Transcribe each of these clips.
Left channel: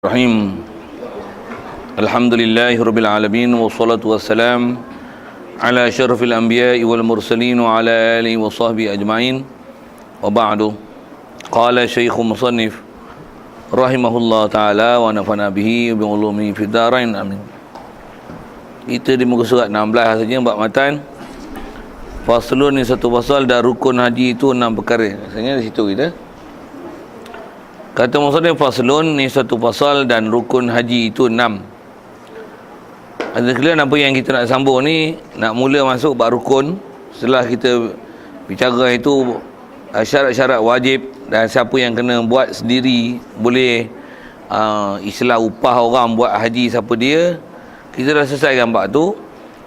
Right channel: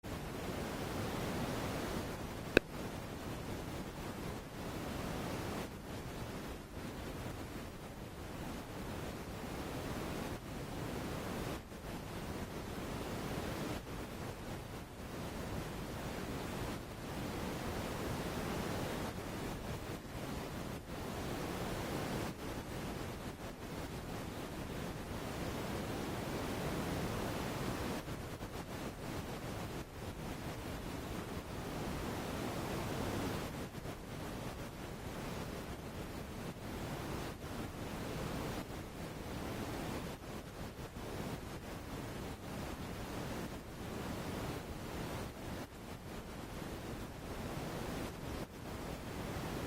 Rahim. Alhamdulillahirabbil alamin wassalatu wassalam ala asyrafil anbiya'i wal mursalin wa ala alihi wa sahbihi ajma'in. Wa ba'du. Qala Syekhul Musannif rahimahullah taala wa nafa'ana bihi bi ulumi fid dharain amin. Kita di muka surat 16 saja bab matan. Faslun ni satu pasal dan rukun haji itu 6 perkara. Rasanya di situ kita. Kata musannif faslun ni satu pasal dan rukun haji itu 6. Ada kalian apa yang kita nak sambung ni, nak mula masuk bab rukun. Setelah kita bicara itu syarat-syarat wajib dan siapa yang kena buat sendiri, boleh istilah upah orang buat haji siapa dia. Kita dah selesaikan bab tu.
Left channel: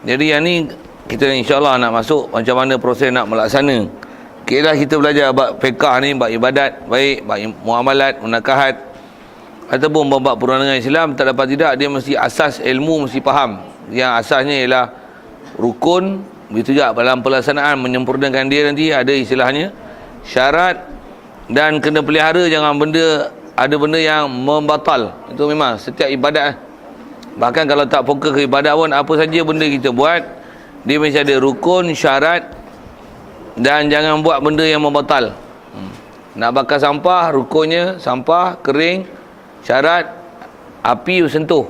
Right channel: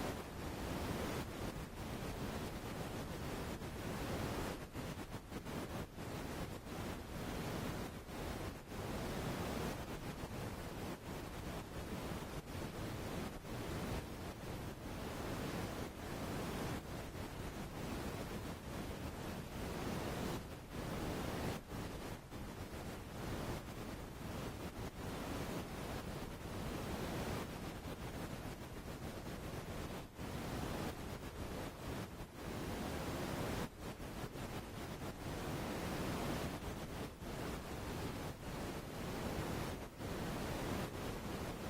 Jadi yang ni kita insya-Allah nak masuk macam mana proses nak melaksana. Kira kita belajar bab fiqah ni, bab ibadat, baik bab muamalat, munakahat ataupun bab perundangan Islam, tak dapat tidak dia mesti asas ilmu mesti faham. Yang asasnya ialah rukun, begitu juga dalam pelaksanaan menyempurnakan dia nanti ada istilahnya syarat, dan kena pelihara jangan ada benda yang membatal. Itu memang setiap ibadat. Bahkan kalau tak fokus ke ibadat pun, apa saja benda kita buat dia mesti ada rukun, syarat, dan jangan buat benda yang membatal. Nak bakar sampah, rukunnya sampah kering, syarat api sentuh,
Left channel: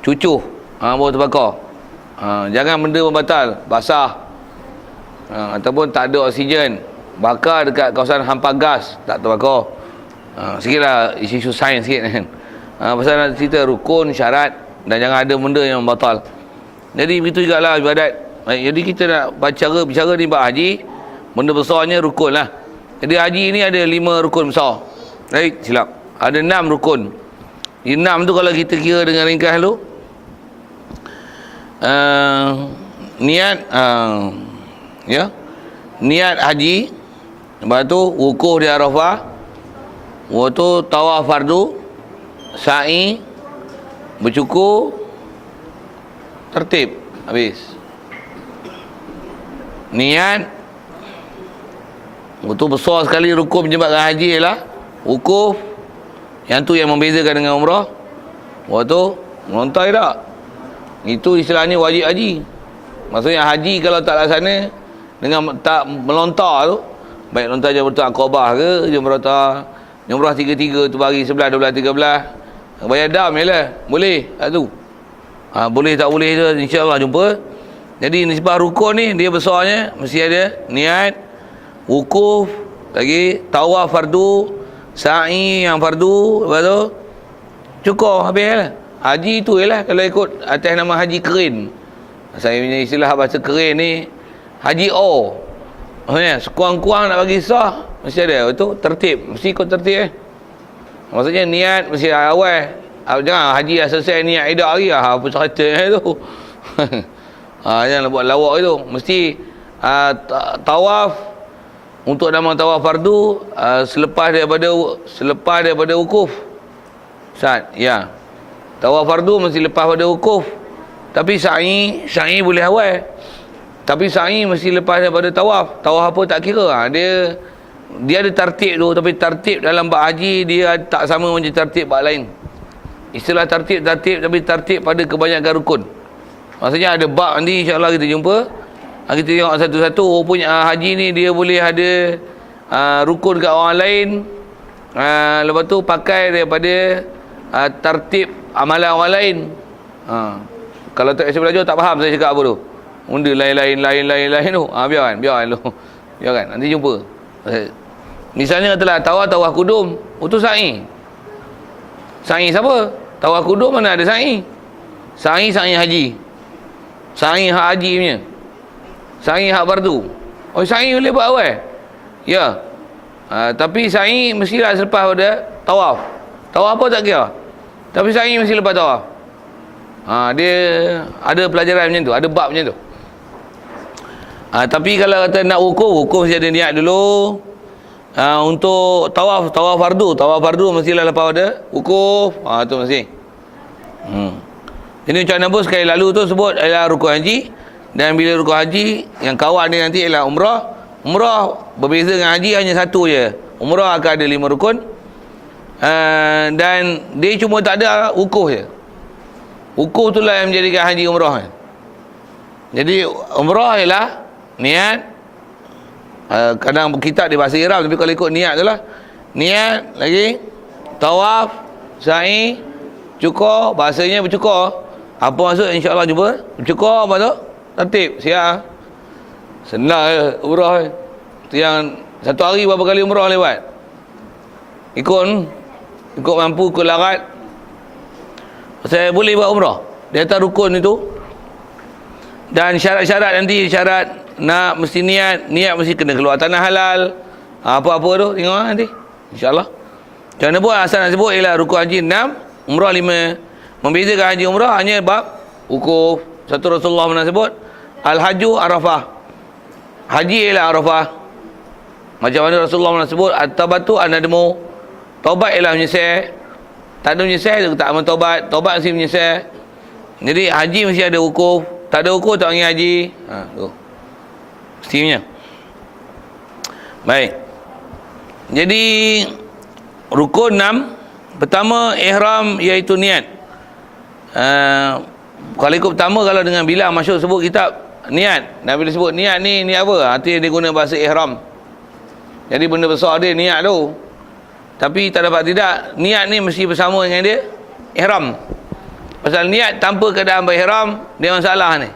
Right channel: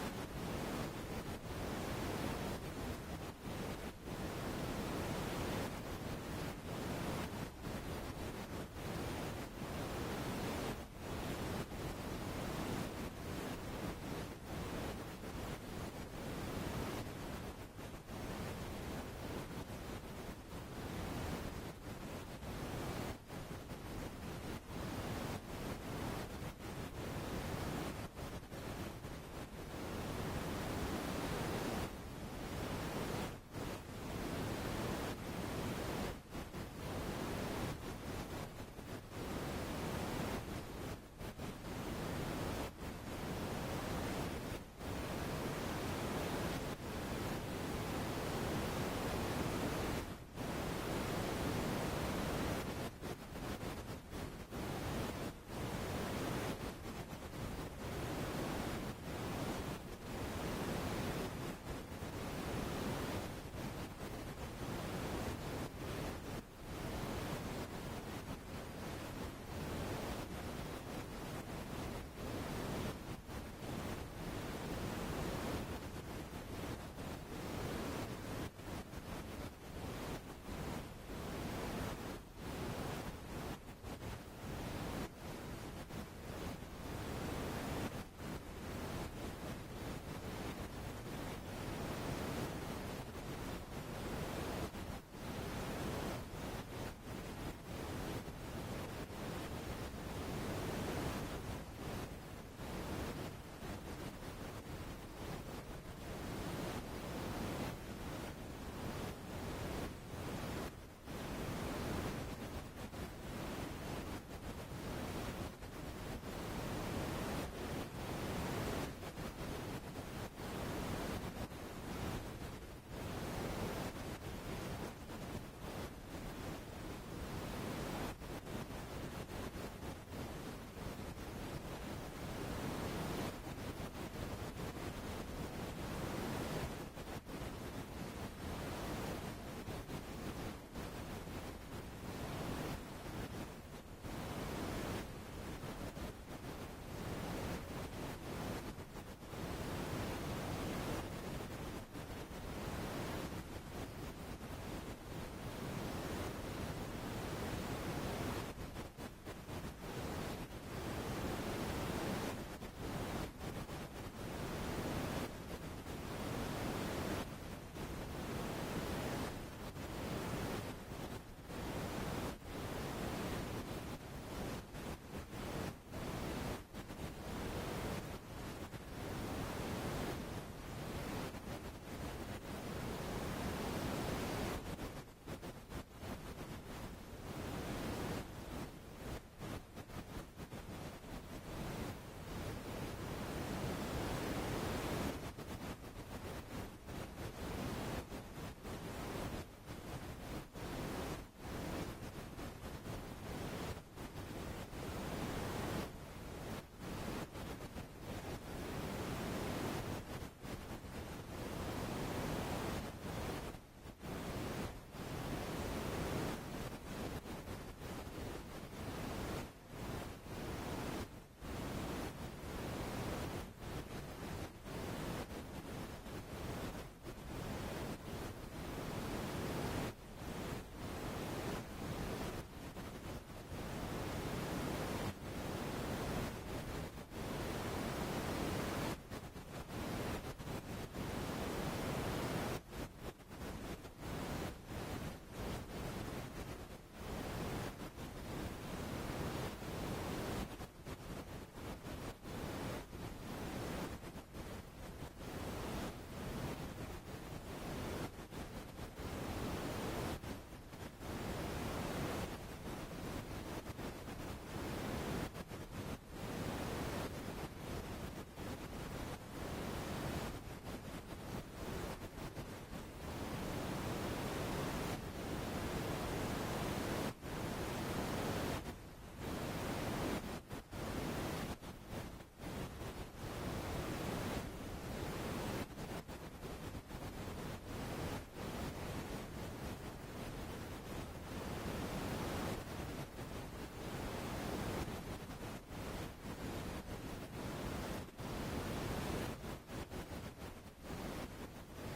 cucuh, baru terbakar. Jangan benda membatal, basah, ataupun tak ada oksigen, bakar dekat kawasan hampa gas, tak terbakar. Sikitlah isu-isu sains sikit kan. Pasal nak cerita rukun, syarat, dan jangan ada benda yang membatal. Jadi begitu jugalah ibadat. Jadi kita nak bicara ni bab haji. Benda besarnya rukun lah. Jadi haji ni ada 5 rukun besar. Baik, silap. Ada 6 rukun. 6 tu kalau kita kira dengan ringkas dulu. Niat niat haji. Lepas tu wukuf di Arafah. Lepas tu tawaf fardu, sa'i, bercukur, tertib. Habis. Niat. Itu besar sekali rukun menyebabkan haji ialah wukuf. Yang tu yang membezakan dengan umrah. Waktu melontar tak? Itu istilahnya wajib haji. Maksudnya haji kalau tak laksana dengan tak melontar tu, baik lontar Jamratul Aqabah ke Jamrah 33 tu bagi 11, 12, 13, bayar dam jelah. Boleh tak tu? Boleh tak boleh tu insya-Allah jumpa. Jadi nisbah rukun ni dia besarnya mesti ada niat, wukuf, lagi tawaf fardu, sa'i yang fardu, lepas tu cukup habis lah. Haji tu ialah kalau ikut atas nama haji kerin. Saya punya istilah bahasa kerin ni haji O. Sekurang-kurang nak bagi sah mesti ada itu tertib, mesti ikut tertib. Maksudnya niat mesti awal. Jangan haji dah selesai niat idak lagi apa cerita tu. Jangan buat lawak itu. Mesti tawaf untuk nama tawaf fardu selepas daripada wukuf. Ustaz, ya. Tawaf fardu mesti lepas pada wukuf. Tapi sa'i boleh awal. Tapi sa'i mesti lepas daripada tawaf. Tawaf apa tak kira. Dia ada tertib tu, tapi tertib dalam bab haji dia tak sama macam tertib bab lain. Istilah tertib tapi tertib pada kebanyakan rukun. Maksudnya ada bab nanti insya-Allah kita jumpa. Kita tengok satu-satu. Punya haji ni dia boleh ada rukun kat orang lain. Lepas tu pakai daripada tertib amalan orang lain. Kalau tak saya belajar tak faham saya cakap apa tu. Benda lain tu. Biarkan tu. Biarkan. Nanti jumpa. Misalnya katalah tawaf kudum. Itu sa'i. Sa'i siapa? Tawaf kudum mana ada sa'i? Sa'i haji. Sa'i hak haji punya. Sa'i hak fardu. Sa'i boleh buat awal. Ya. Tapi sa'i mestilah selepas pada tawaf. Tawaf apa tak kira. Tapi sa'i mesti lepas tawaf. Dia ada pelajaran macam tu, ada bab macam tu. Tapi kalau kata nak wukuf mesti ada niat dulu. Untuk tawaf fardu mestilah lepas pada wukuf. Tu mesti. Ini macam Nabi sekali lalu tu sebut ialah rukun haji. Dan bila rukun haji yang kawan dia nanti ialah umrah. Umrah berbeza dengan haji hanya satu je. Umrah akan ada 5 rukun. Dan dia cuma tak ada wukuf je. Wukuf tu lah yang menjadikan haji umrah. Jadi umrah ialah niat, kadang kita di bahasa ihram, tapi kalau ikut niat tu lah, niat lagi tawaf, sa'i, cukur, bahasanya bercukur. Apa maksud? InsyaAllah jumpa bercukur. Apa tu? Tertib, siap. Senang je umrah. Tu yang satu hari berapa kali umrah lewat. Ikut mampu, ikut larat. Saya boleh buat umrah di atas rukun itu. Dan syarat-syarat nanti, syarat nak mesti niat mesti kena keluar tanah halal. Apa-apa tu tengok nanti, insya-Allah. Macam mana buat? Asal nak sebut ialah rukun haji 6, umrah 5. Membezakan haji umrah hanya bab wukuf. Satu Rasulullah pernah sebut al-haju Arafah. Haji ialah Arafah. Macam mana Rasulullah pernah sebut at-tabatu an-nadmu. Taubat ialah menyesal. Tak ada menyesal tak amal taubat. Taubat mesti menyesal. Jadi haji mesti ada wukuf. Tak ada wukuf tak panggil haji. Tu. Mestinya. Baik. Jadi rukun 6, pertama ihram iaitu niat. Kalau ikut pertama, kalau dengan bilang masyhur sebut kitab niat. Dan bila sebut niat ni apa? Artinya dia guna bahasa ihram. Jadi benda besar dia niat tu. Tapi tak dapat tidak, niat ni mesti bersama dengan dia ihram. Pasal niat tanpa keadaan berihram, dia masalah ni.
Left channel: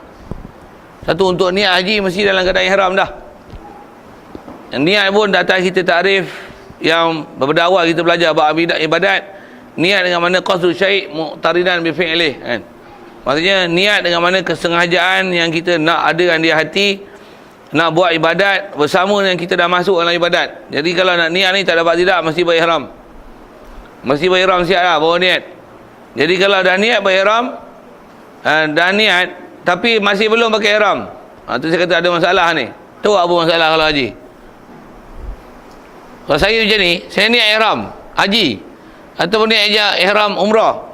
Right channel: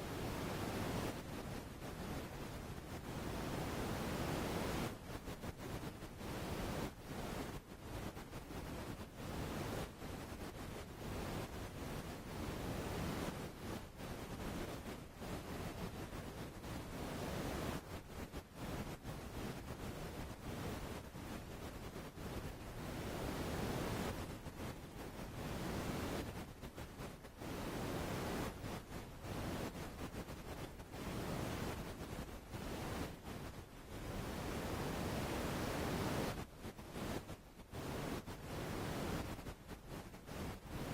Satu, untuk niat haji mesti dalam keadaan ihram dah. Niat pun datang kita takrif yang beberapa awal kita belajar bab ibadat. Niat dengan mana qasdu syai' muqtarinan bi fi'lih, kan. Maksudnya niat dengan mana kesengajaan yang kita nak adakan di hati, nak buat ibadat bersama dengan kita dah masuk dalam ibadat. Jadi kalau nak niat ni tak dapat tidak, mesti berihram. Mesti berihram siap lah bawa niat. Jadi kalau dah niat berihram, dah niat tapi masih belum pakai ihram, tu saya kata ada masalah ni. Tu apa masalah kalau haji? Kalau saya macam ni, saya niat ihram haji ataupun niat ihram umrah,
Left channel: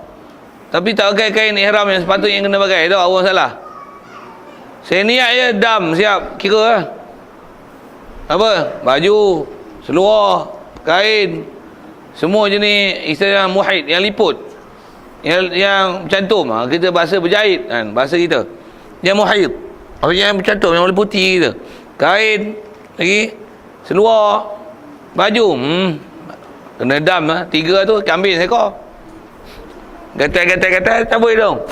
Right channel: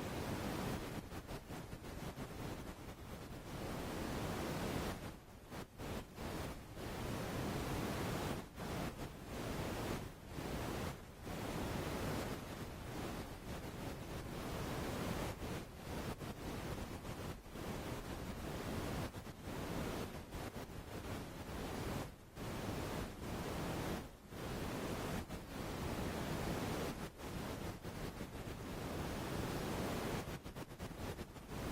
tapi tak pakai kain ihram yang sepatutnya yang kena pakai, tu apa masalah? Saya niat je, dam, siap, kira lah. Apa? Baju, seluar, kain, semua jenis istilah muhid, yang liput, yang cantum, kita bahasa berjahit kan, bahasa kita. Yang muhid, maksudnya yang bercantum, yang meliputi kita. Kain, lagi, seluar, baju, kena dam lah. 3 tu, kambing seekor. Gatal-gatal, cabut hidung.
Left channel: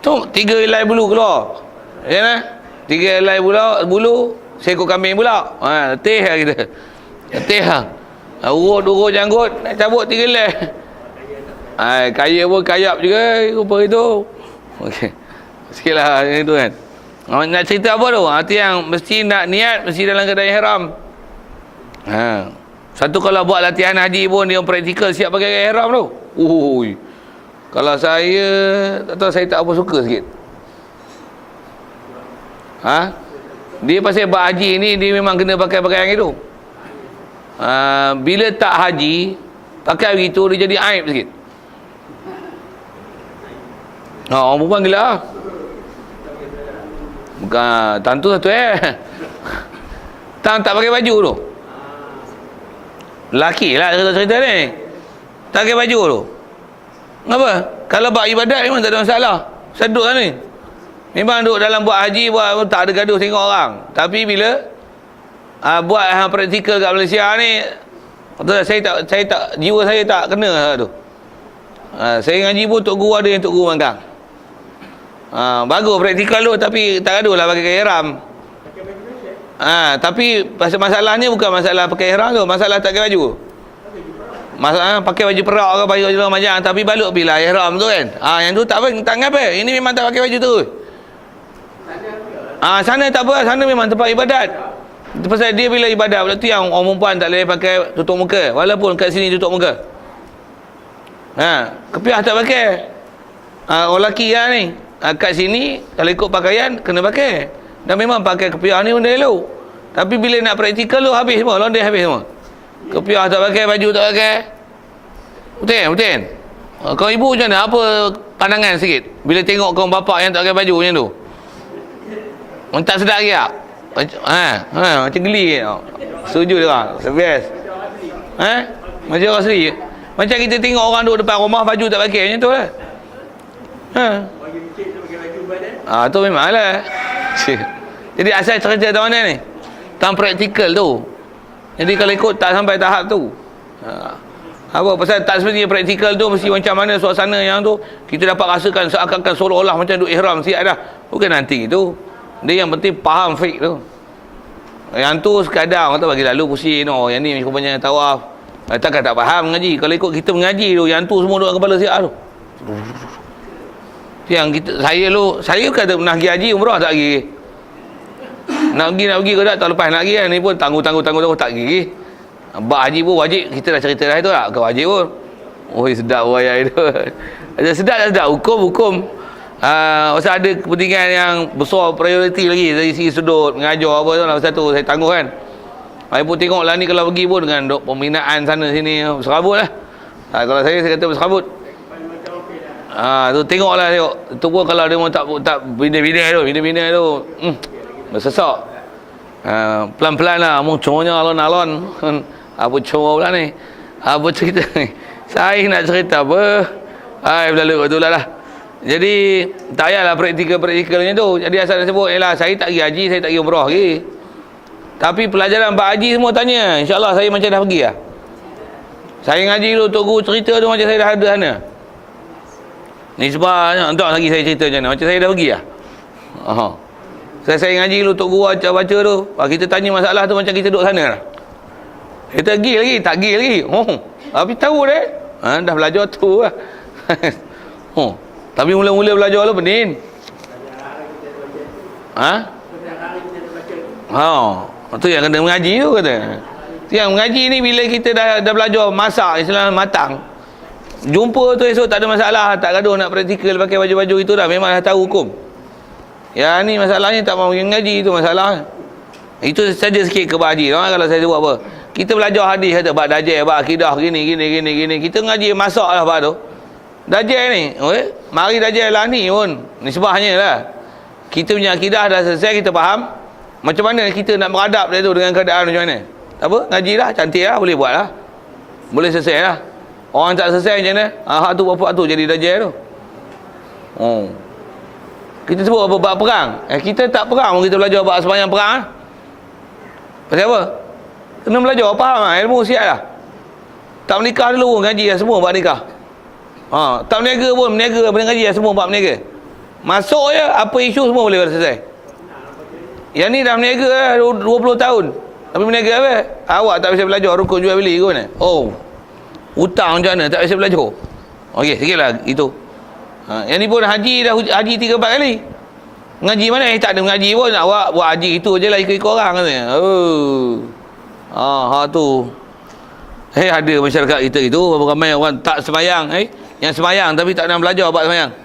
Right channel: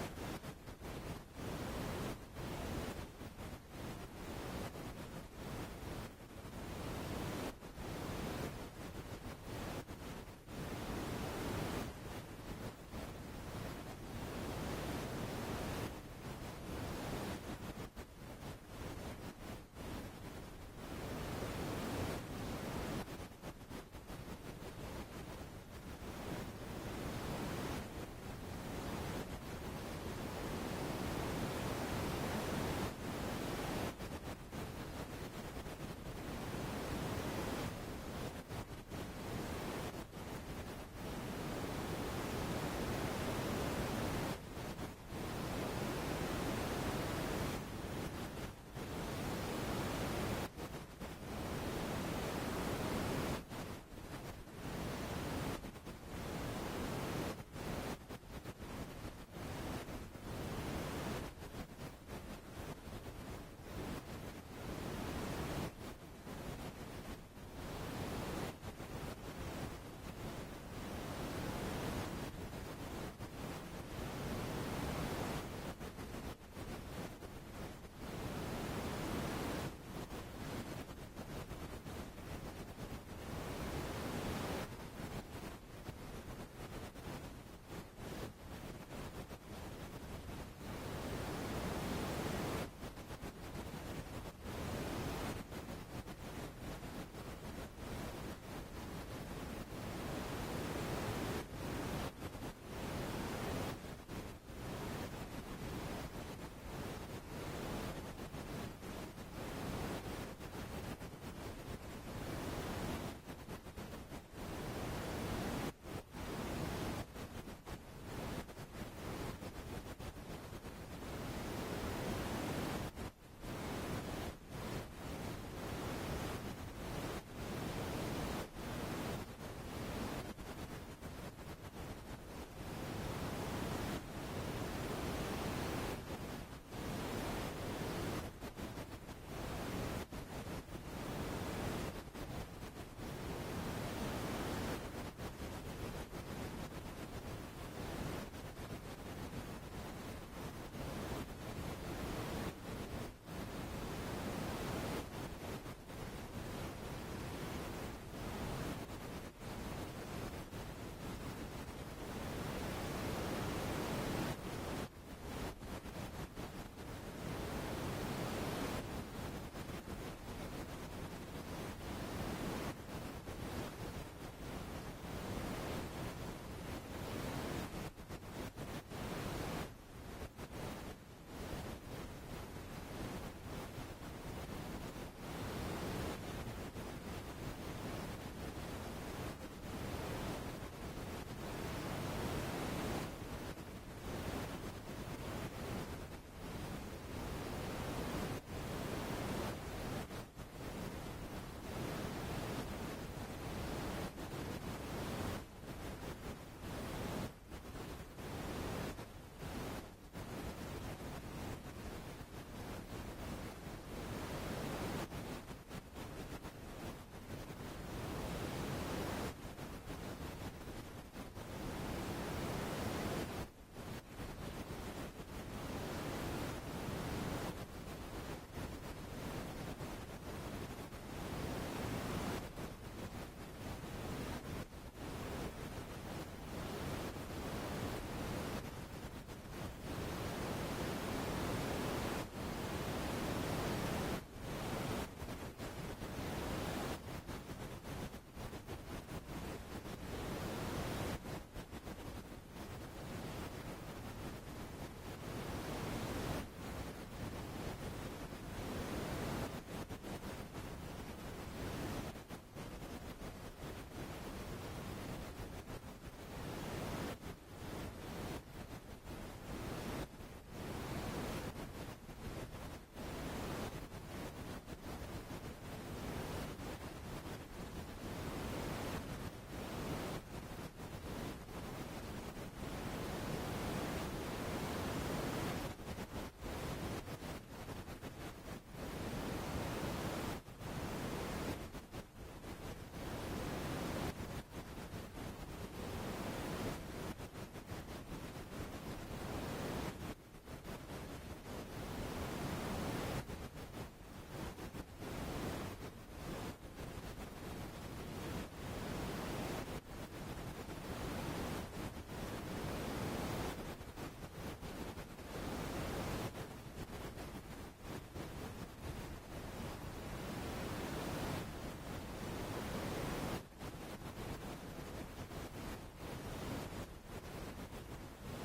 Tu, 3 helai bulu keluar. Ya kan? 3 helai bulu, seekor kambing pula. Letih lah kita. Letih lah. Urut janggut, nak cabut 3 helai. Kaya pun kayap juga rupa itu. Okey. Sikitlah yang itu kan. Nak cerita apa tu? Arti yang mesti nak niat, mesti dalam keadaan ihram. Satu, kalau buat latihan haji pun dia praktikal siap pakai ihram tu. Kalau saya tak tahu, saya tak apa suka sikit. Dia pasal buat haji ni, dia memang kena pakai pakaian itu. Bila tak haji, pakai begitu dia jadi aib sikit. Orang perempuan gila lah. Bukan tentu satu tak pakai baju tu. Lelaki lah cerita ni, tak pakai baju tu. Kenapa? Kalau buat ibadat memang tak ada masalah. Seduk lah ni. Memang duduk dalam buat haji, buat tak ada gaduh tengok orang. Tapi bila buat praktikal kat Malaysia ni, saya tak jiwa saya tak kena tu. Saya ngaji pun tok guru ada yang tok guru mangkang. Bagus praktikal tu, tapi tak gaduh lah pakai ihram. Tapi masalahnya bukan masalah pakai ihram tu, masalah tak pakai baju. Masalah pakai baju perak ke baju macam, tapi balut bila ihram tu kan. Yang tu tak ngapa. Ini memang tak pakai baju tu. Sana tak apa, sana memang tempat ibadat. Pasal dia bila ibadat, waktu tu yang orang perempuan tak boleh pakai tutup muka, walaupun kat sini tutup muka. Kepiah tak pakai. Orang lelaki lah ni, kat sini kalau ikut pakaian kena pakai. Dan memang pakai kepiah ni benda elok. Tapi bila nak praktikal tu habis semua, londe habis semua. Kepiah tak pakai, baju tak pakai. Betul. Kau ibu macam mana? Apa pandangan sikit bila tengok kau bapak yang tak pakai baju macam tu? Tak sedap ke tak? Macam geli ke? Setuju dia orang. Best. Macam orang asli. Macam kita tengok orang duduk depan rumah baju tak pakai macam tu lah. Tu memanglah. Jadi asal cerita tu mana ni? Tang praktikal tu. Jadi kalau ikut tak sampai tahap tu. Apa pasal tak sebenarnya praktikal tu mesti macam mana suasana yang tu kita dapat rasakan seakan-akan seolah-olah macam duk ihram siap dah. Bukan nanti tu. Dia yang penting faham fiqh tu. Yang tu sekadar orang tu bagi lalu pusing yang ni rupanya tawaf. Takkan tak faham mengaji. Kalau ikut kita mengaji tu, yang tu semua duduk kepala siap tu. Yang kita, saya kata pernah pergi haji, umrah tak pergi. Nak pergi ke tak lepas nak pergi kan. Ni pun tangguh tak pergi. Bak haji pun wajib, kita dah cerita dah itu tak, ke wajib pun. Oi sedap ayat itu. Sedap tak sedap, hukum. Pasal ada kepentingan yang besar, prioriti lagi dari segi sudut mengajar apa tu lah, pasal tu saya tangguh kan. Saya pun tengoklah ni kalau pergi pun dengan pembinaan sana sini berserabut lah. Kalau saya kata berserabut. Tu tengoklah tengok. Tu pun kalau dia mau tak bina-bina tu bersesak. Pelan-pelan lah, mau conya alon-alon. Apa coba pula ni? Apa cerita ni? Saya nak cerita apa? Berlalu betul lah. Jadi tak payahlah praktikal-praktikalnya tu. Jadi asal dia sebut, saya tak pergi haji, saya tak pergi umrah lagi. Tapi pelajaran bab haji semua tanya. InsyaAllah saya macam dah pergi lah. Saya ngaji dulu, Tok Guru cerita tu macam saya dah ada sana. Ni sebab, entah lagi saya cerita macam mana. Macam saya dah pergi lah. Saya ngaji dulu, Tok Guru baca tu. Kita tanya masalah tu macam kita duduk sana lah. Kita pergi lagi, tak pergi lagi. Tapi tahu deh. Dah belajar tu lah. Tapi mula-mula belajar lah pening. Tu yang kena mengaji tu kata. Yang mengaji ni bila kita dah belajar masak Islam matang. Jumpa tu esok tak ada masalah, tak gaduh nak praktikal pakai baju-baju itu dah, memang dah tahu hukum. Ya ni masalahnya tak mahu mengaji tu masalah. Itu saja sikit ke haji. Kalau saya buat apa? Kita belajar hadis kata bab dajjal, bab akidah gini. Kita ngaji masaklah bab tu. Dajjal ni, mari dajjal lah ni pun. Nisbahnya lah. Kita punya akidah dah selesai, kita faham. Macam mana kita nak beradab dia tu dengan keadaan macam mana? Apa? Ngaji lah, cantik lah, boleh buat lah. Boleh selesai lah. Orang tak selesai macam mana? Hak tu bapak tu jadi dajjal tu. Kita sebut apa bab perang. Kita tak perang, kita belajar bab sembahyang perang lah. Pasal apa? Kena belajar, faham lah, ilmu siap lah. Tak menikah dulu, ngaji lah semua bab nikah. Tak berniaga pun, berniaga ngaji lah semua bab berniaga. Masuk je, apa isu semua boleh selesai. Yang ni dah berniaga lah 20 tahun. Tapi berniaga apa? Awak tak bisa belajar rukun jual beli ke mana? Hutang macam mana? Tak bisa belajar. Okey, sikit lah itu. Yang ni pun haji dah haji 3-4 kali. Ngaji mana? Tak ada mengaji pun. Awak buat haji itu je lah ikut-ikut orang katanya. Tu. Ada masyarakat kita itu ramai orang tak sembahyang. Yang sembahyang tapi tak nak belajar bab sembahyang.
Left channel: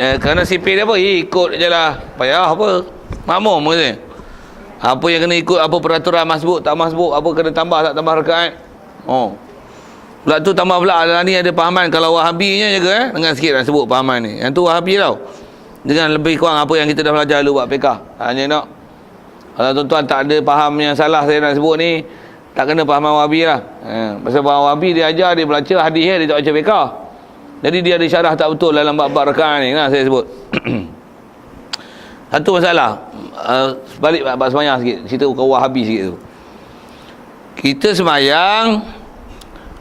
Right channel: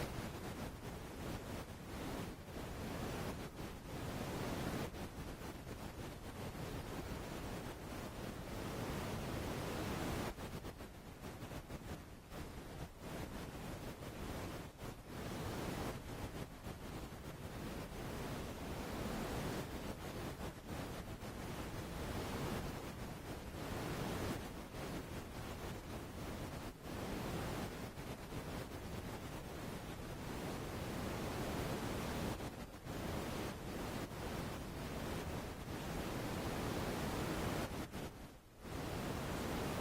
Kerana sipir dia apa? Ikut je lah. Payah apa? Makmum katanya. Apa yang kena ikut, apa peraturan masbuk, tak masbuk, apa kena tambah, tak tambah rakaat. Pula tu tambah pula ni ada pahaman. Kalau Wahabinya jaga dengan sikit nak sebut pahaman ni. Yang tu Wahabi tau. Dengan lebih kurang apa yang kita dah belajar dulu buat fiqh. Hanya nak. Kalau tuan-tuan tak ada faham yang salah saya nak sebut ni, tak kena pahaman Wahabi lah. Pasal Wahabi dia ajar, dia baca hadis dia tak baca fiqh. Jadi dia ada syarah tak betul dalam bab-bab rakaat ni lah saya sebut. Satu masalah. Balik bab sembahyang sikit. Cerita bukan Wahabi sikit tu. Kita sembahyang,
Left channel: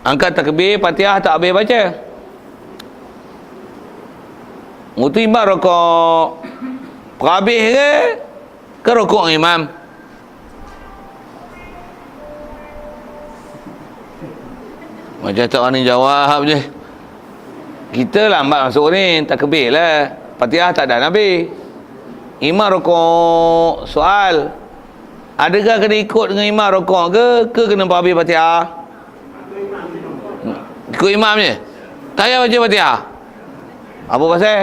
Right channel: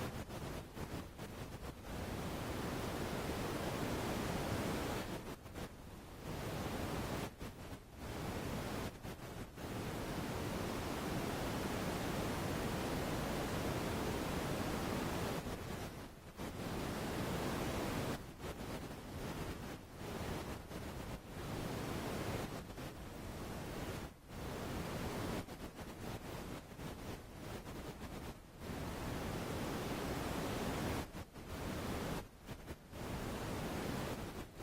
angkat takbir, Fatihah tak habis baca. Itu imam rokok habis ke rokok imam? Macam tak orang ni jawab je. Kita lambat masuk ni, takbir lah. Fatihah tak ada Nabi. Imam rokok, soal. Adakah kena ikut dengan imam rokok ke kena habis Fatihah? Ikut imam je. Tak payah baca Fatihah. Apa pasal?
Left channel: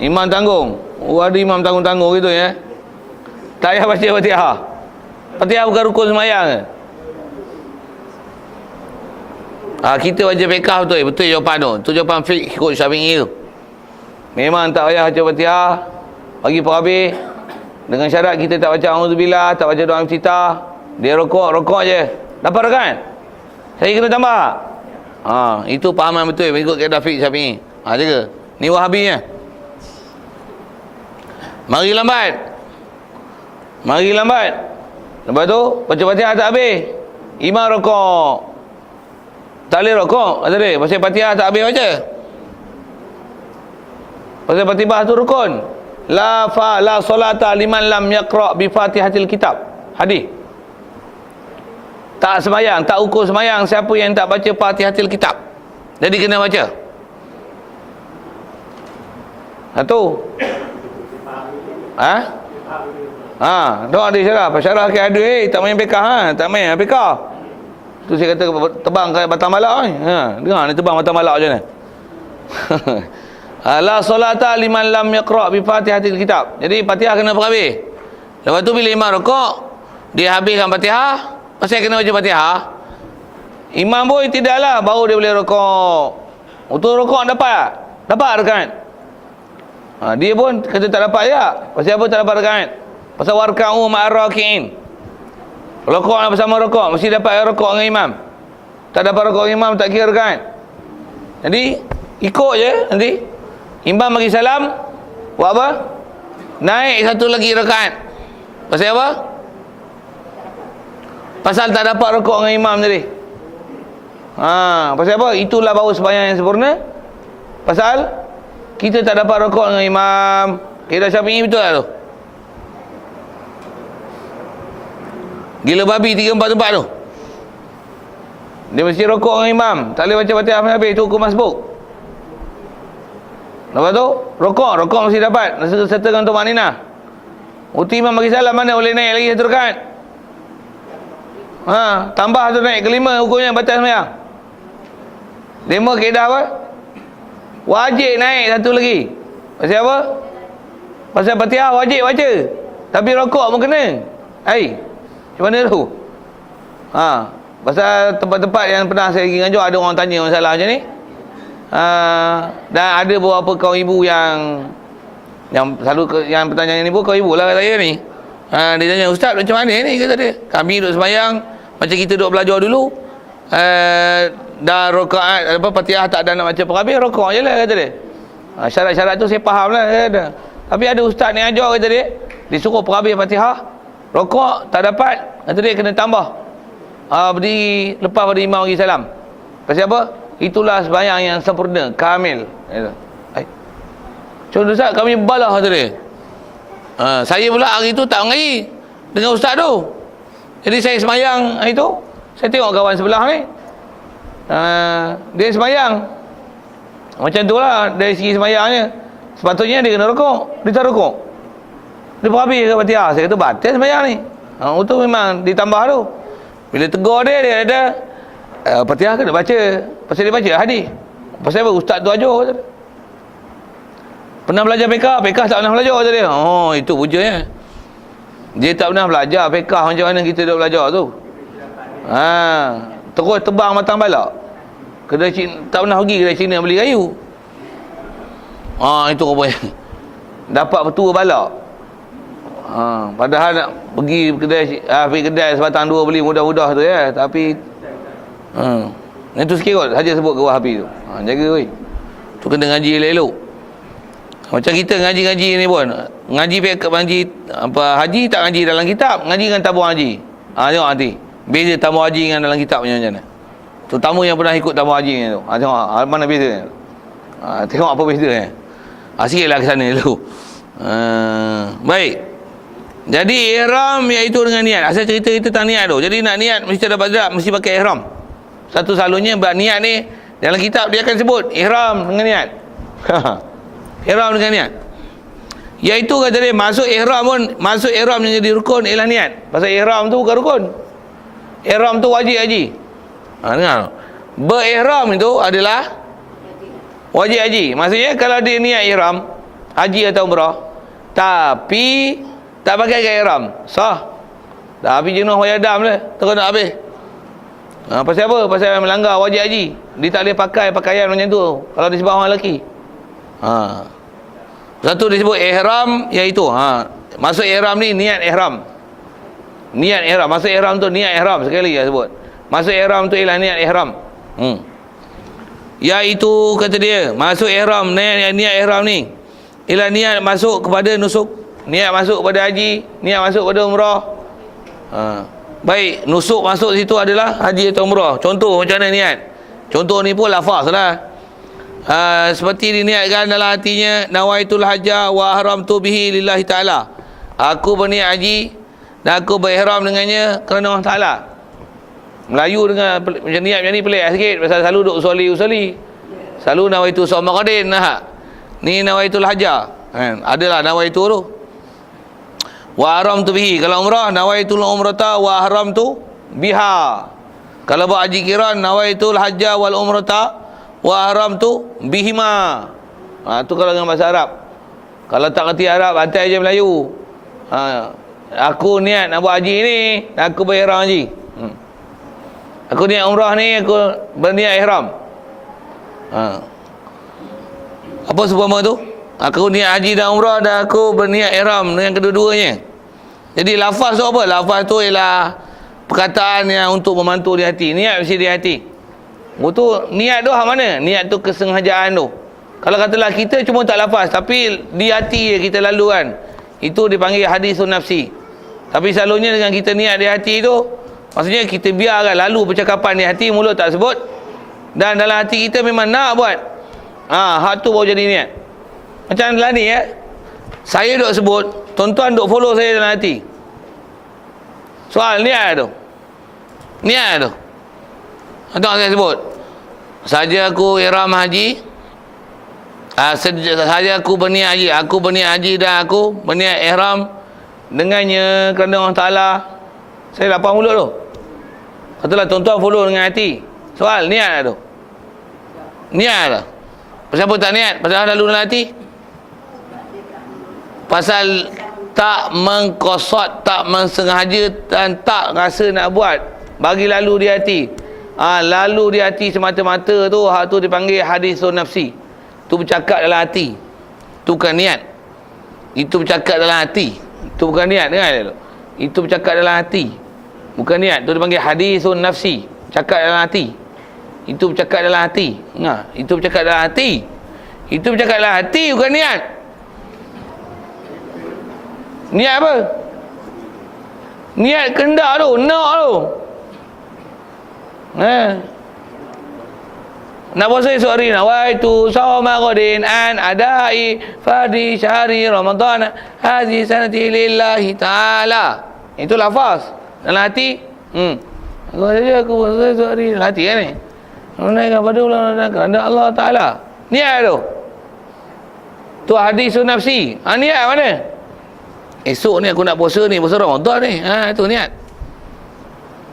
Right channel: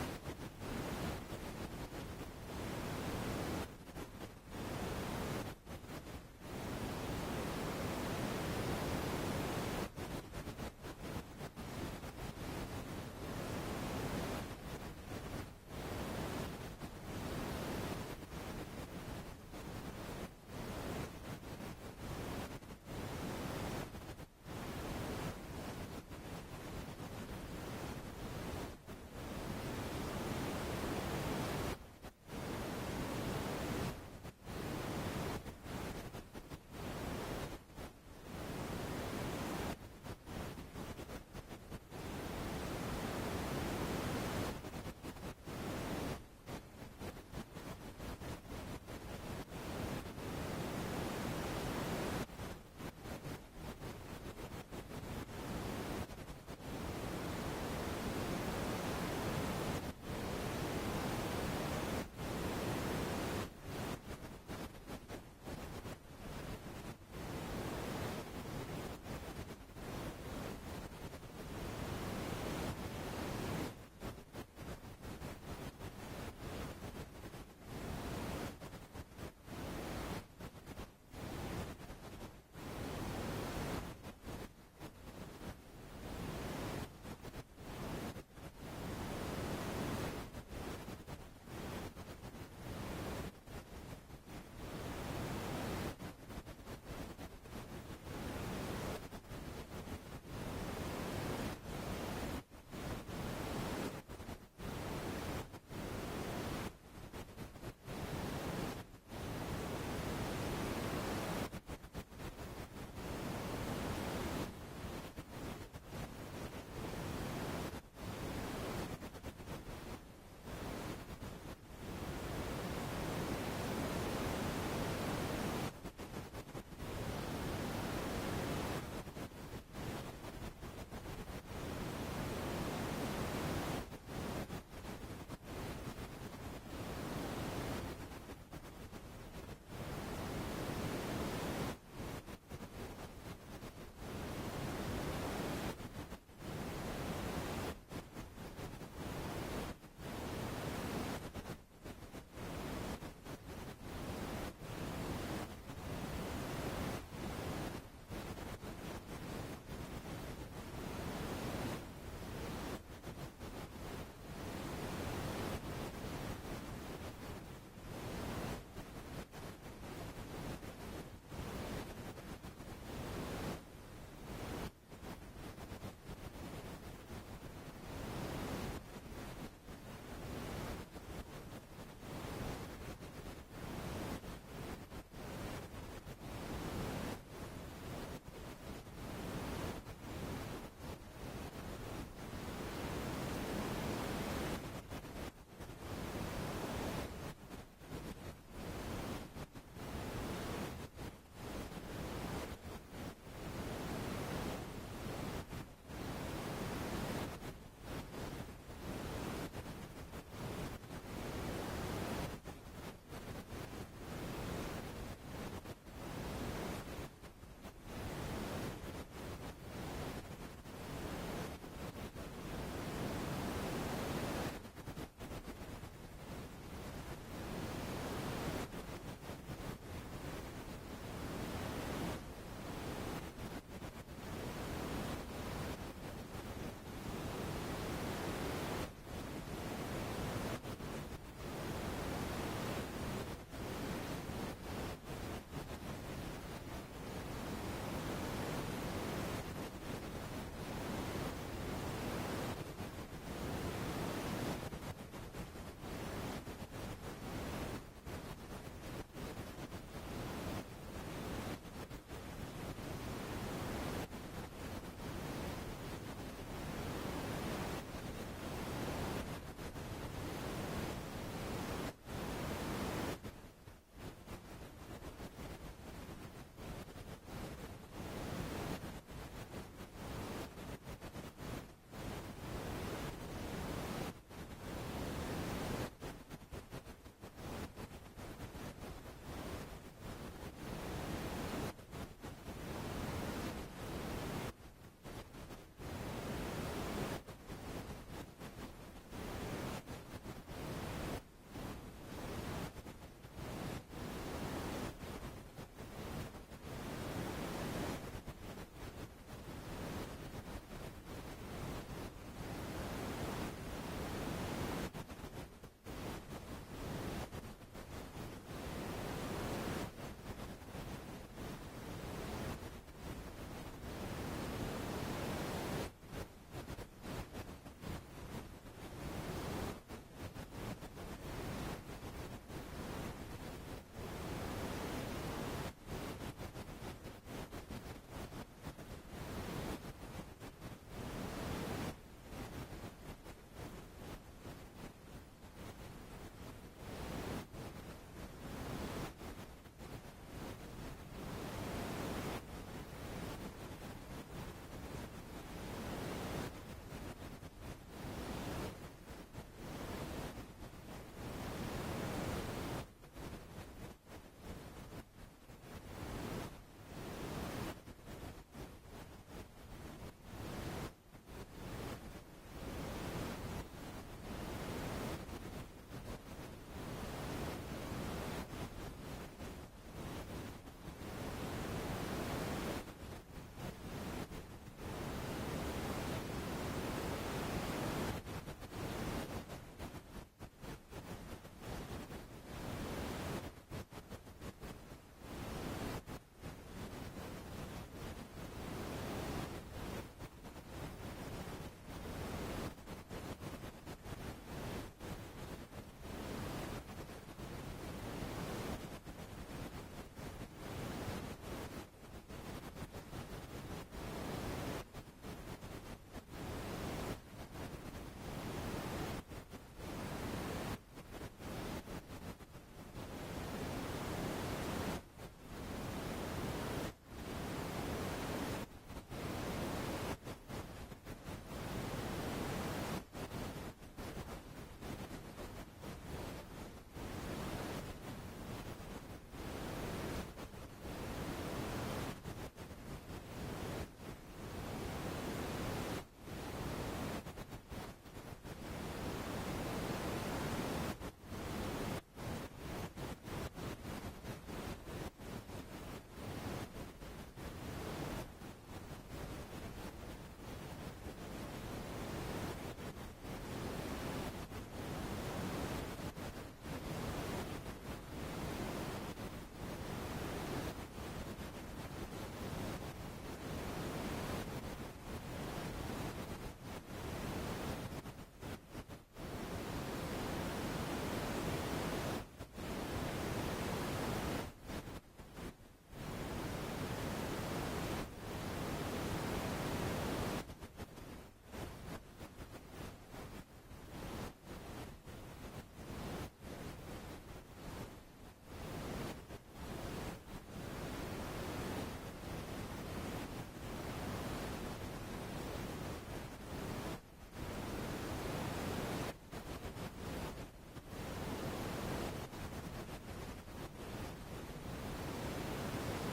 Imam tanggung. Ada imam tanggung-tanggung gitu ya. Tak payah baca Fatihah. Fatihah bukan rukun sembahyang ke? Kita baca fiqh betul jawapan tu. Tu jawapan fiqh ikut Syafi'i tu. Memang tak payah baca Fatihah. Bagi habis. Dengan syarat kita tak baca auzubillah, tak baca doa iftitah. Dia rokok je. Dapat rakaat? Saya kena tambah. Itu pahaman betul mengikut kaedah fiqh Syafi'i. Jaga. Ni Wahabinya. Mari lambat. Lepas tu baca Fatihah tak habis. Imam rokok. Tak boleh rokok. Kata dia, pasal Fatihah tak habis baca. Pasal Fatihah tu rukun. La solata liman lam yaqra' bi Fatihatil kitab. Hadis. Tak semayang, tak ukur semayang siapa yang tak baca Fatihatil kitab. Jadi kena baca. Satu. Doa dia syarah. Syarah ke ada tak main pekah tak main pekah. Tu saya kata tebang kat batang balak ni. Dengar ni tebang batang balak macam mana. La solata liman lam yaqra' bi Fatihatil kitab. Jadi Fatihah kena berhabis. Lepas tu bila imam rukuk, dia habiskan Fatihah, pasal kena baca Fatihah. Imam pun tidaklah baru dia boleh rukuk. Untuk rukuk dapat rakaat. Dia pun kata tak dapat juga. Pasal apa tak dapat rakaat? Pasal warka'u ma'ar-raki'in. Rukuk nak bersama rukuk, mesti dapat rukuk dengan imam. Tak dapat rukuk dengan imam, tak kira rakaat. Jadi ikut je nanti. Imam bagi salam, buat apa? Naik satu lagi rakaat. Pasal apa? Pasal tak dapat rukuk dengan imam tadi. Pasal apa? Itulah baru sembahyang yang sempurna. Pasal kita tak dapat rukuk dengan imam. Kira Syafi'i betul tak tu? Gila babi 3-4 tempat tu. Dia mesti rukuk dengan imam. Tak boleh baca Fatihah sampai habis. Itu hukum masbuk. Lepas tu rukuk mesti dapat sertakan untuk makninah. Waktu imam bagi salam mana boleh naik lagi satu rakaat. Tambah tu naik kelima hukumnya batal sembahyang. 5 kaedah apa? Wajib naik satu lagi. Pasal apa? Pasal Fatihah wajib baca. Tapi rukuk pun kena. Macam mana tu? Pasal tempat-tempat yang pernah saya pergi ngajar ada orang tanya masalah macam ni. Dan ada beberapa kaum ibu yang selalu yang pertanyaan ni pun kaum ibu lah kata saya ni. Dia tanya, ustaz macam mana ni, kata dia. Kami duduk sembahyang macam kita duduk belajar dulu. Dah rakaat Fatihah tak ada nak baca perhabis, rukuk je lah kata dia. Syarat-syarat tu saya faham lah kata. Tapi ada ustaz ni ajar kata dia, disuruh perhabis Fatihah, rukuk tak dapat, kata dia kena tambah. Berdiri lepas pada imam bagi salam. Pasal apa? Itulah sembahyang yang sempurna, kamil. Contoh ustaz, kami balah kata dia. Saya pula hari tu tak mengaji dengan ustaz tu. Jadi saya sembahyang hari tu, saya tengok kawan sebelah ni. Dia sembahyang. Macam tu lah dari segi sembahyangnya. Sepatutnya dia kena rukuk, dia tak rukuk. Dia berhabis ke Fatihah. Saya kata batal sembahyang ni. Itu memang ditambah tu. Bila tegur dia ada Fatihah kena baca. Pasal dia baca hadis. Pasal apa? Ustaz tu ajar kata dia. Pernah belajar fiqh? Fiqh tak pernah belajar kata dia. Itu hujahnya. Dia tak pernah belajar fiqh macam mana kita dah belajar tu. Terus tebang matang balak. Kedai Cina, tak pernah pergi kedai Cina beli kayu. Itu rupanya. Dapat petua balak. Padahal nak pergi kedai sebatang dua beli mudah-mudah tu ya. Tapi itu sikit kot saja sebut ke Wahabi tu. Jaga weh. Tu kena ngaji elok. Macam kita ngaji-ngaji ni pun. Ngaji haji tak ngaji dalam kitab, ngaji dengan tabung haji. Tengok nanti. Beza tabung haji dengan dalam kitab macam mana. Terutama yang pernah ikut tabung haji ni tu. Tengok mana beza. Tengok apa beza ni. Sikitlah ke sana dulu. Baik. Jadi ihram iaitu dengan niat. Asal cerita itu tentang niat tu. Jadi nak niat mesti ada badrak, mesti pakai ihram. Satu selalunya niat ni dalam kitab dia akan sebut ihram dengan niat. Ihram dengan niat. Iaitu kata dia masuk ihram yang jadi rukun ialah niat. Pasal ihram tu bukan rukun. Ihram tu wajib haji. Dengar. Berihram itu adalah wajib haji. Maksudnya kalau dia niat ihram haji atau umrah tapi tak pakai ihram, sah. Tapi jenuh wayadam lah, terus nak habis. Pasal apa? Pasal melanggar wajib haji. Dia tak boleh pakai pakaian macam tu kalau dia sebab orang lelaki. Satu disebut ihram iaitu masuk ihram ni niat ihram. Niat ihram, masuk ihram tu niat ihram sekali dia sebut. Masuk ihram tu ialah niat ihram. Iaitu kata dia, masuk ihram, niat ihram ni ialah niat masuk kepada nusuk, niat masuk kepada haji, niat masuk kepada umrah. Baik, nusuk masuk situ adalah haji atau umrah. Contoh macam mana niat? Contoh ni pun lafaz lah. Seperti diniatkan dalam hatinya, nawaitul hajja wa ahramtu bihi lillahi ta'ala. Aku berniat haji dan aku berihram dengannya kerana Allah Ta'ala. Melayu dengan macam niat macam ni pelik sikit, pasal selalu duk usali. Selalu nawaitu sawma qadin. Ni nawaitul hajja. Adalah nawaitu tu. Wa ahramtu bihi. Kalau umrah, nawaitul umrata wa ahramtu biha. Kalau buat haji qiran, nawaitul hajja wal umrata wa ahramtu bihima. Tu kalau dengan bahasa Arab. Kalau tak kerti Arab, hantar je Melayu. Aku niat nak buat haji ni, aku berihram haji. Aku niat umrah ni, aku berniat ihram. Apa seumpama tu? Aku niat haji dan umrah dan aku berniat ihram dengan kedua-duanya. Jadi lafaz tu apa? Lafaz tu ialah perkataan yang untuk memantau di hati. Niat mesti di hati. Tu niat tu hak mana? Niat tu kesengajaan tu. Kalau katalah kita cuma tak lafaz, tapi di hati kita lalu kan, itu dipanggil hadisun nafsi. Tapi selalunya dengan kita niat di hati tu, maksudnya kita biarkan lalu percakapan di hati, mulut tak sebut, dan dalam hati kita memang nak buat. Hak tu baru jadi niat. Macam dalam ni saya duk sebut, tuan-tuan duk follow saya dalam hati. Soal niat tu. Niat tu. Itu saya sebut. Saja aku ihram haji, saja aku berniat haji, aku berniat haji dan aku berniat ihram dengannya kerana Allah Ta'ala. Saya lapang mulut tu. Katalah tuan-tuan follow dengan hati. Soal niat tu. Niat lah. Pasal apa tak niat? Pasal lalu dalam hati. Pasal tak mengkosot, tak mensengaja dan tak rasa nak buat. Bagi lalu di hati. Lalu di hati semata-mata tu, hak tu dipanggil hadisun nafsi. Tu bercakap dalam hati. Tu bukan niat. Itu bercakap dalam hati. Itu bukan niat, dengar. Itu bercakap dalam hati. Bukan niat. Tu dipanggil hadisun nafsi. Cakap dalam hati. Itu bercakap dalam hati. Itu bercakap dalam hati. Itu bercakap dalam hati, bukan niat. Niat apa? Niat kehendak tu, nak tu. Nak puasa esok hari, nawaitu sawma qadin an adai fardhi syahri Ramadan hadhihi sanati lillahi ta'ala. Itu lafaz. Dalam hati, aku saja aku puasa esok hari. Dalam hati kan ni? Menaikkan pada bulan kerana Allah Ta'ala. Niat tu. Tu hadisun nafsi. Niat mana? Esok ni aku nak puasa ni, puasa Ramadan ni. Itu niat.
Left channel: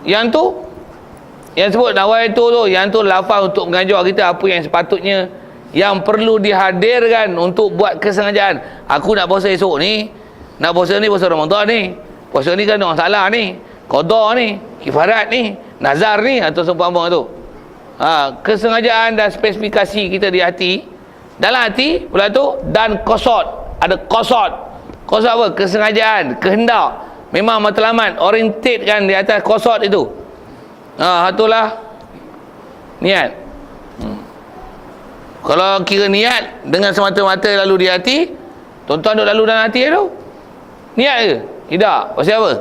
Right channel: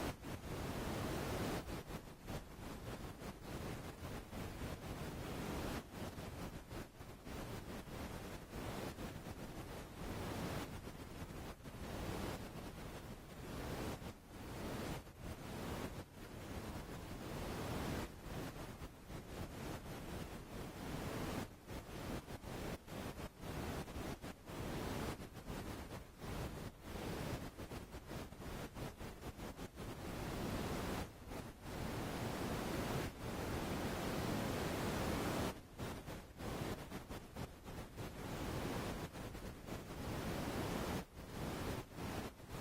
Yang tu, yang sebut nawaitu tu, yang tu lafaz untuk mengajar kita apa yang sepatutnya, yang perlu dihadirkan untuk buat kesengajaan. Aku nak puasa esok ni, nak puasa ni, puasa Ramadan ni. Puasa ni kan Allah Ta'ala ni, qada ni, kifarat ni, nazar ni, atau seumpama tu. Kesengajaan dan spesifikasi kita di hati, dalam hati pula tu, dan qasad. Ada qasad. Qasad apa? Kesengajaan, kehendak. Memang matlamat, orientate kan di atas qasad itu. Itulah niat. Kalau kira niat dengan semata-mata lalu di hati, tuan-tuan duk lalu dalam hati tu, niat ke? Tidak. Pasal apa?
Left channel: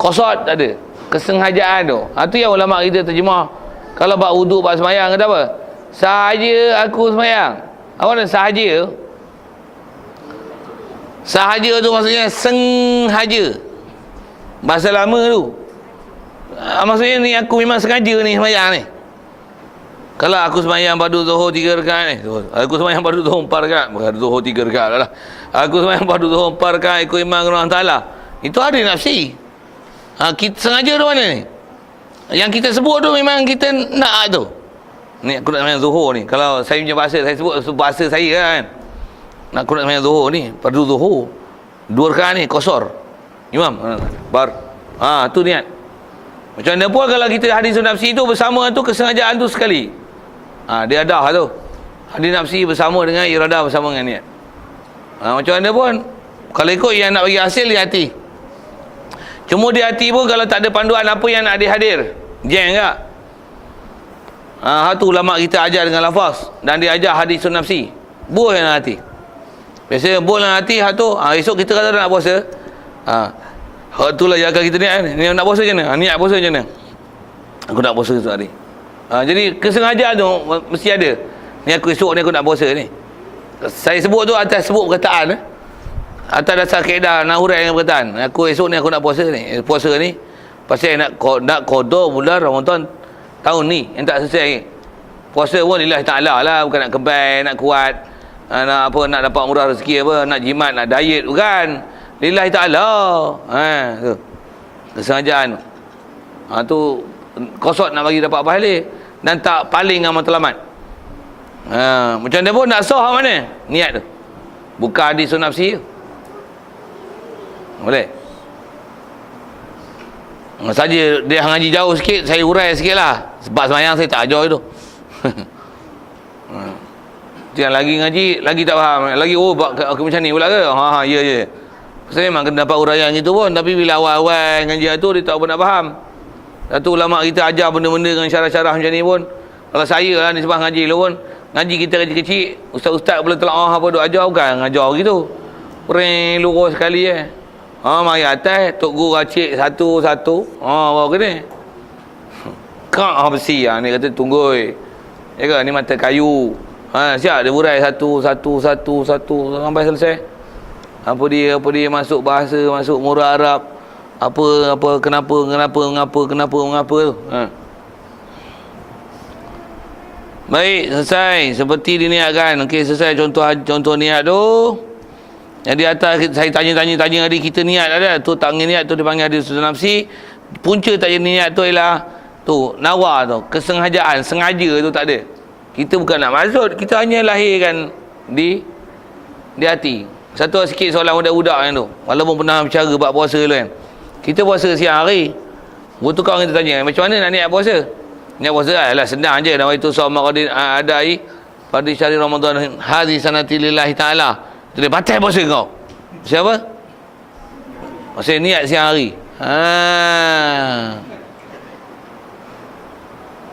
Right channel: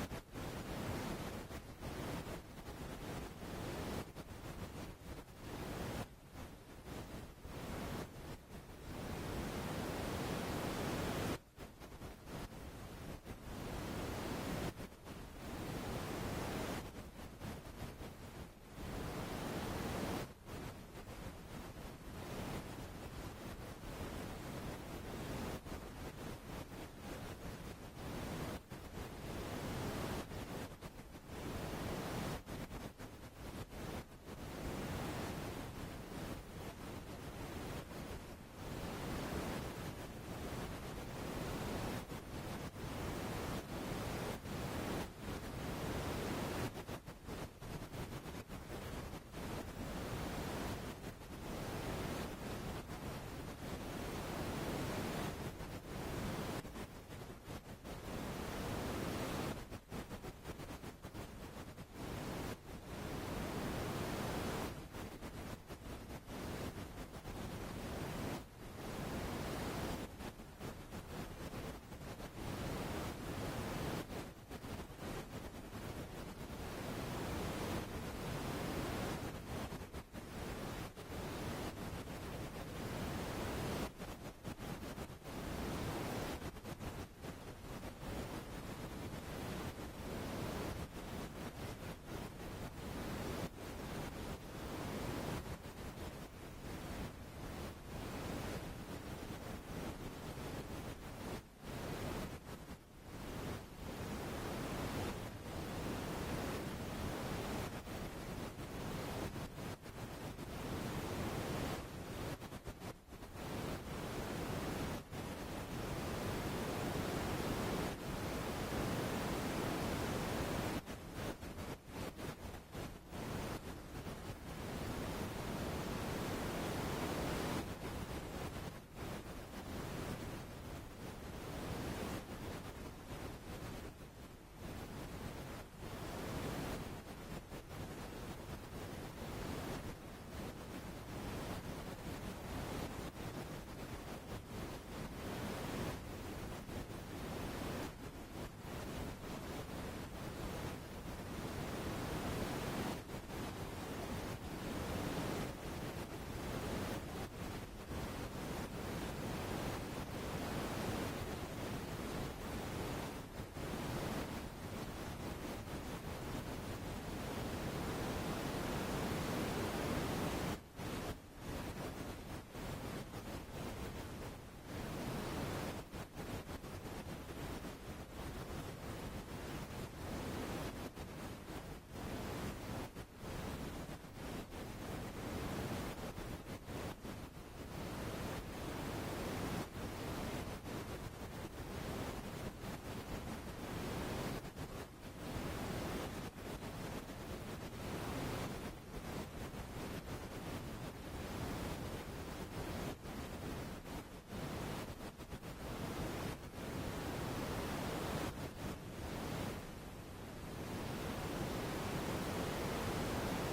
Qasad tak ada. Kesengajaan tu. Itu yang ulama kita terjemah. Kalau buat wuduk, buat semayang, kata apa? Sahaja aku semayang. Apa nak sahaja? Sahaja tu maksudnya sengaja. Bahasa lama tu. Maksudnya ni aku memang sengaja ni semayang ni. Kalau aku semayang padu zuhur 3 rakaat ni, aku semayang padu zuhur 4 rakaat, bukan zuhur 3 rakaat lah. Aku semayang padu zuhur 4 rakaat ikut imam Allah Ta'ala. Itu ada nafsi. Kita sengaja tu mana ni? Yang kita sebut tu memang kita nak tu. Ni aku nak semayang zuhur ni. Kalau saya punya bahasa, saya sebut bahasa saya kan. Nak aku nak semayang zuhur ni, padu zuhur 2 rakaat ni, qasar. Imam, bar. Tu niat. Macam mana pun kalau kita hadisun nafsi tu bersama tu kesengajaan tu sekali. Dia ada tu. Hadis nafsi bersama dengan iradah bersama dengan niat. Macam mana pun kalau ikut yang nak bagi hasil di hati. Cuma di hati pun kalau tak ada panduan apa yang nak dihadir. Jeng tak? Tu ulama kita ajar dengan lafaz. Dan dia ajar hadisun nafsi. Buah dalam hati. Biasanya buah dalam hati, esok kita kata nak puasa. Itulah yang akan kita niat. Ni nak puasa macam mana? Niat puasa macam mana? Aku nak puasa esok hari. Jadi kesengajaan tu mesti ada. Ni aku esok ni aku nak puasa ni. Saya sebut tu atas sebut perkataan. Atas dasar kaedah nahurai dengan perkataan. Aku esok ni aku nak puasa ni. Puasa ni pasal nak qada bulan Ramadan tahun ni yang tak selesai lagi. Puasa pun lillahi ta'ala lah, bukan nak kebal, nak kuat, nak dapat murah rezeki apa, nak jimat, nak diet, bukan. Lillahi ta'ala. Tu. Kesengajaan. Tu kosot nak bagi dapat pahala dan tak paling dengan matlamat. Macam mana pun nak sah mana? Niat tu. Bukan hadis nafsi. Boleh? Saja dia ngaji jauh sikit, saya urai sikit lah. Sebab semayang saya tak ajar itu. Yang lagi ngaji, lagi tak faham. Lagi, macam ni pula ke? Ya. Saya memang kena dapat uraian gitu pun. Tapi bila awal-awal ngaji tu, dia tak pernah faham. Satu ulama kita ajar benda-benda dengan syarah-syarah macam ni pun. Kalau saya lah ni sebab ngaji lu pun. Ngaji kita kecil-kecil, ustaz-ustaz boleh telah apa duk ajar, bukan ngajar gitu. Pering lurus sekali mari atas, tok guru racik satu-satu. Bawa ke ni. Kak besi ni kata tunggui. Ya ke, ni mata kayu. Siap dia burai satu sampai selesai. Apa dia masuk bahasa, masuk murah Arab. Apa kenapa tu. Baik, selesai. Seperti diniatkan. Okey, selesai contoh niat tu. Yang di atas saya tanya tadi kita niat ada. Tu tak niat tu dipanggil hadis nafsi. Punca tak jadi niat tu ialah tu nawa tu, kesengajaan, sengaja tu tak ada. Kita bukan nak maksud, kita hanya lahirkan di hati. Satu sikit soalan budak-budak yang tu. Walaupun pernah bicara bab puasa dulu kan. Kita puasa siang hari. Waktu kau kita tanya, macam mana nak niat puasa? Niat puasa lah senang je. Nama itu sama adai pada syahri Ramadan hadhi sanati lillahi ta'ala. Dia batal puasa kau. Siapa? Maksudnya niat siang hari.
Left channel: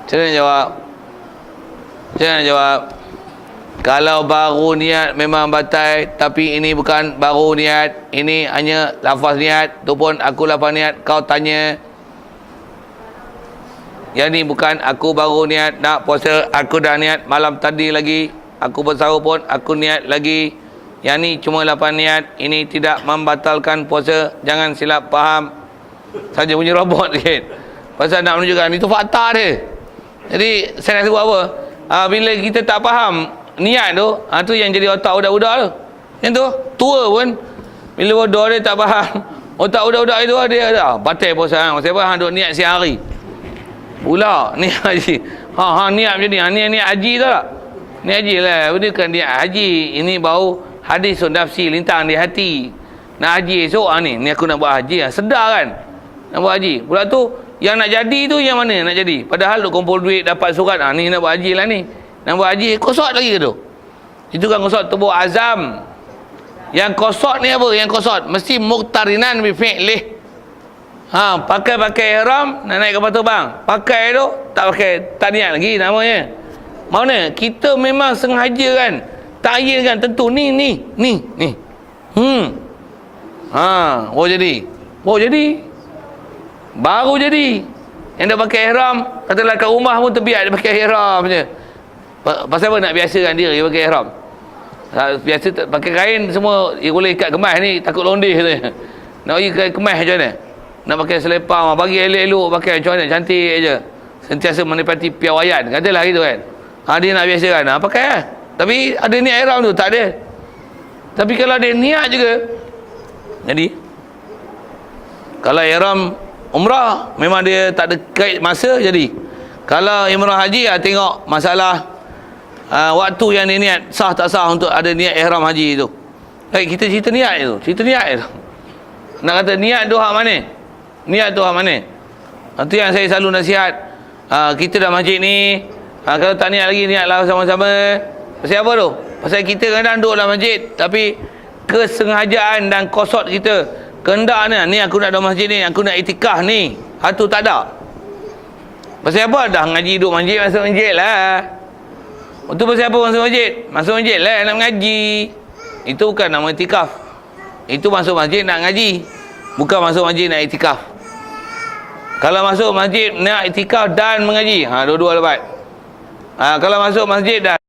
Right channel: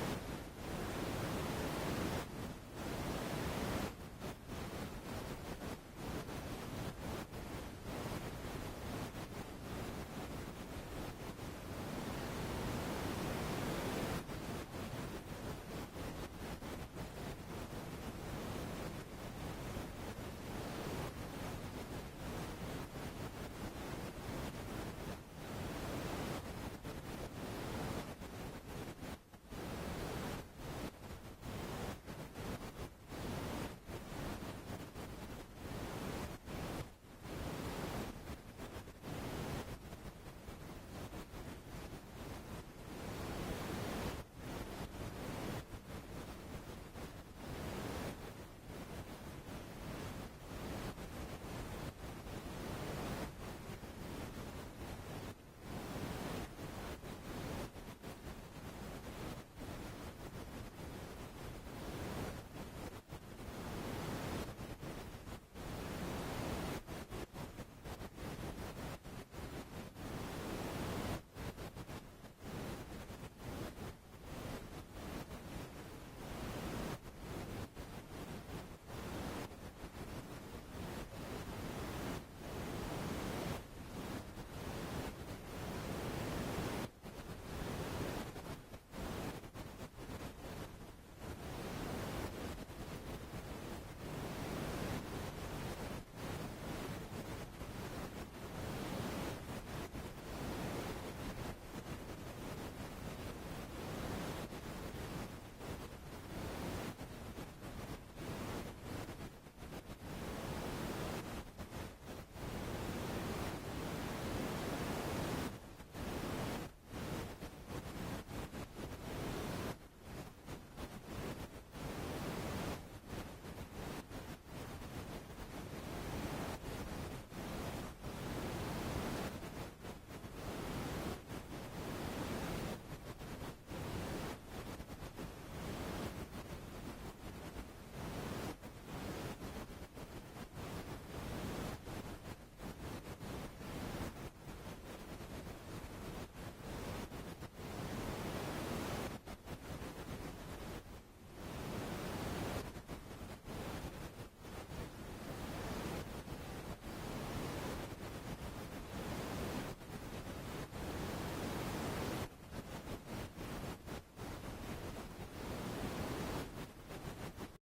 Macam mana jawab? Kalau baru niat memang batal, tapi ini bukan baru niat, ini hanya lafaz niat, tu pun aku lafaz niat, kau tanya. Yang ni bukan aku baru niat nak puasa, aku dah niat malam tadi lagi, aku bersahur pun aku niat lagi. Yang ni cuma lapan niat, ini tidak membatalkan puasa, jangan silap faham. Saja punya robot sikit. Pasal nak menunjukkan itu fakta dia. Jadi saya nak sebut apa? Bila kita tak faham niat tu, tu yang jadi otak budak-budak tu. Yang tu tua pun bila bodoh dia tak faham. Otak budak-budak itu dia dah batal puasa. Sebab hang duk niat siang hari. Pula ni haji. Niat macam ni. Niat haji tu tak? Niat haji lah. Benda kan niat haji. Ini bau hadis nafsi lintang di hati. Nak haji esok ni aku nak buat haji. Sedar kan? Nak buat haji. Pula tu yang nak jadi tu yang mana nak jadi? Padahal duk kumpul duit dapat surat. Ni nak buat haji lah ni. Nak buat haji kosot lagi ke tu? Itu kan kosot tubuh azam. Yang kosot ni apa? Yang kosot mesti muqtarinan bi fi'lih. Pakai ihram nak naik kapal terbang. Pakai tu tak pakai, tak niat lagi namanya. Mana? Kita memang sengaja kan. Ta'yin kan tentu ni. Jadi. Baru jadi. Yang dah pakai ihram, katalah kat rumah pun terbiak dia pakai ihram je. Pasal apa nak biasakan diri pakai ihram? Biasa pakai kain semua boleh ikat kemas ni, takut londeh tu. Nak pergi kemas macam mana? Nak pakai selepang, bagi elok-elok pakai macam mana, cantik aja. Sentiasa menepati piawaian, katalah gitu kan. Dia nak biasakan, pakai lah. Tapi ada niat ihram tu, tak ada. Tapi kalau dia niat juga, jadi kalau ihram umrah memang dia tak ada kait masa, jadi kalau umrah haji tengok masalah waktu yang dia niat sah tak sah untuk ada niat ihram haji tu. Baik, kita cerita niat tu. Nak kata niat tu hak mana? Niat tu hak mana? Itu yang saya selalu nasihat. Kita dah masjid ni, kalau tak niat lagi, niatlah sama-sama. Pasal apa tu? Pasal kita kadang duduk dalam masjid, tapi kesengajaan dan kosot kita kehendak ni aku nak dalam masjid ni, aku nak itikaf ni, tu tak ada. Pasal apa? Dah ngaji duduk masjid, masuk masjid lah. Itu pasal apa masuk masjid? Masuk masjid lah nak mengaji. Itu bukan nama itikaf. Itu masuk masjid nak ngaji, bukan masuk masjid nak itikaf. Kalau masuk masjid nak itikaf dan mengaji, dua-dua lebat. Kalau masuk masjid dan